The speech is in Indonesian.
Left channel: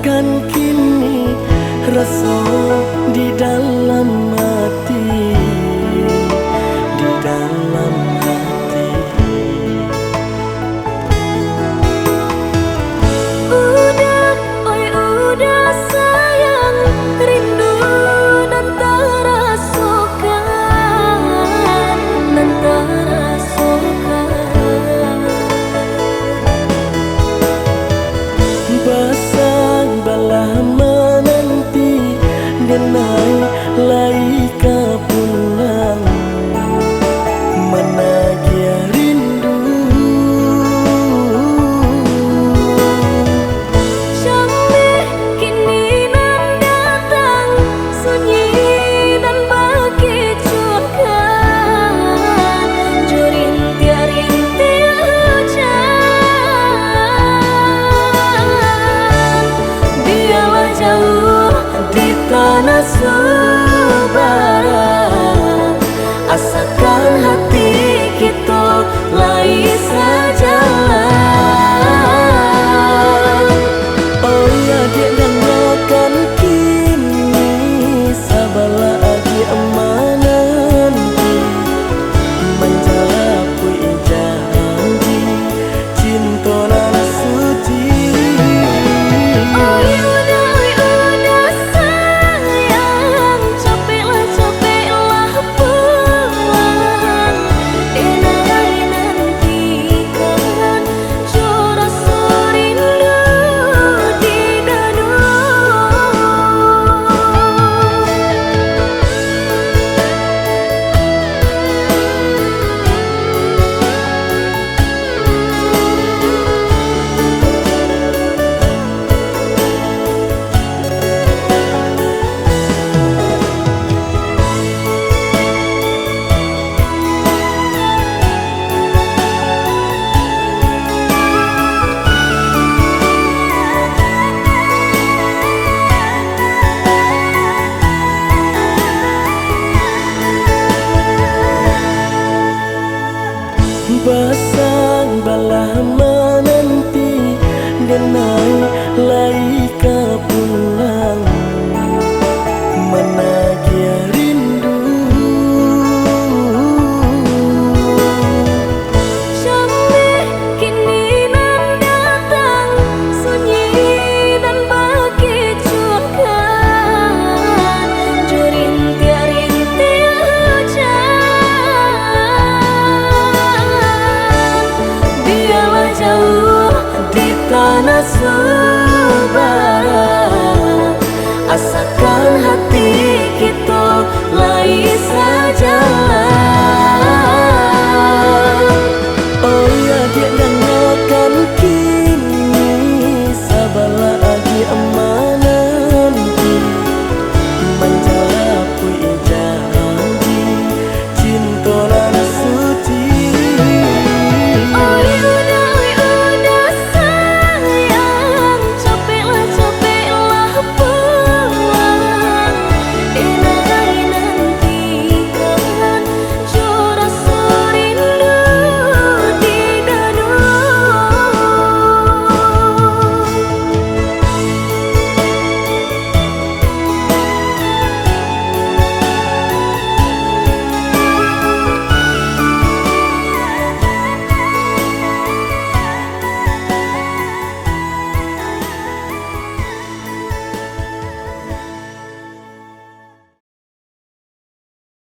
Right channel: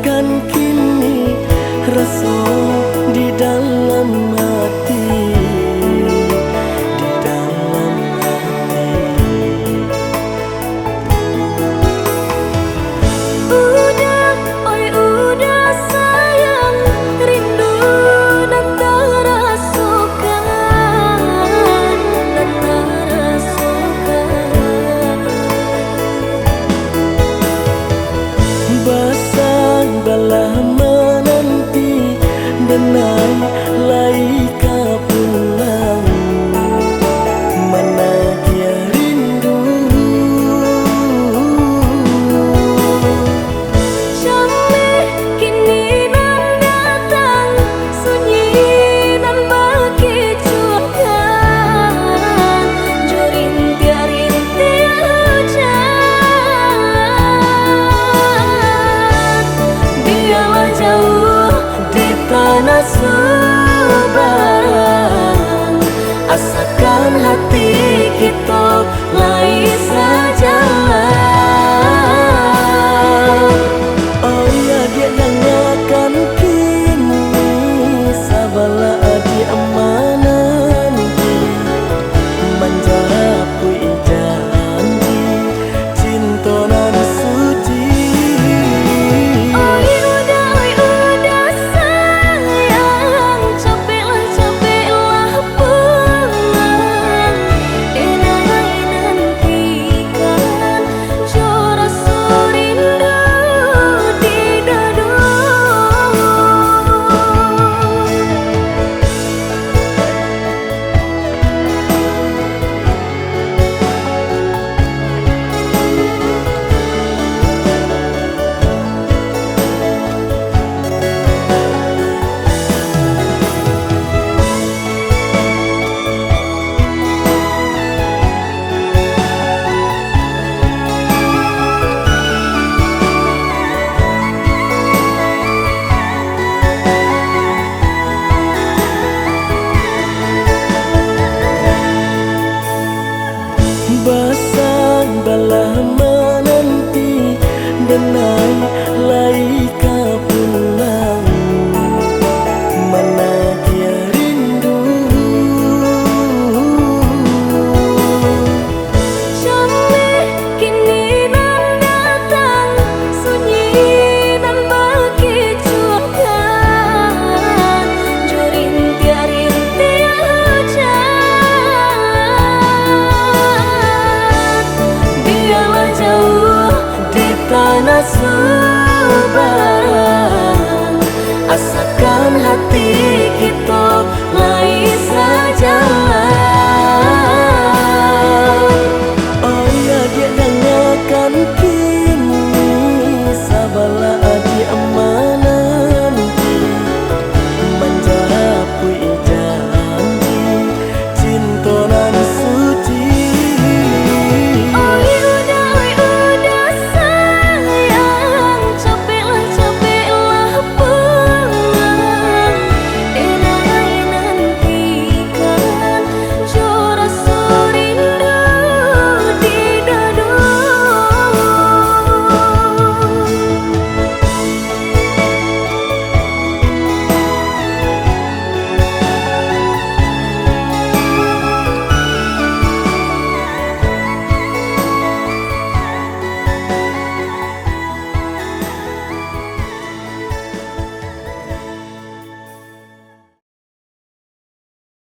dengarkan kini rasa di dalam hati, di dalam hati. Udah, oi udah sayang, rindu dan terasukan, dan terasukan. Basang balah menanti denai laika pulang, mana kia rindu. Jameh kini nan datang, sunyi dan berkecuali, jo rintia-rintia hujan. Biarlah jauh di tanah Subaran, asakan hati kita lai sejalan. Oh ya dia dengarkan kini sabala adi amananti, menjapui janji cintonan suci. Oi udah sayang, capeklah pulang, denai nantikan jo rasa rindu di dada. Basang balah menanti denai laika pulang, mana kia rindu. Jameh kini nan datang, sunyi dan berkecuali, jo rintia-rintia hujan. Biarlah jauh di tanah Subaran, asakan hati kita lai sejalan. Oh ya dia dengarkan kini sabala adi amananti, menjapui janji cintonan suci.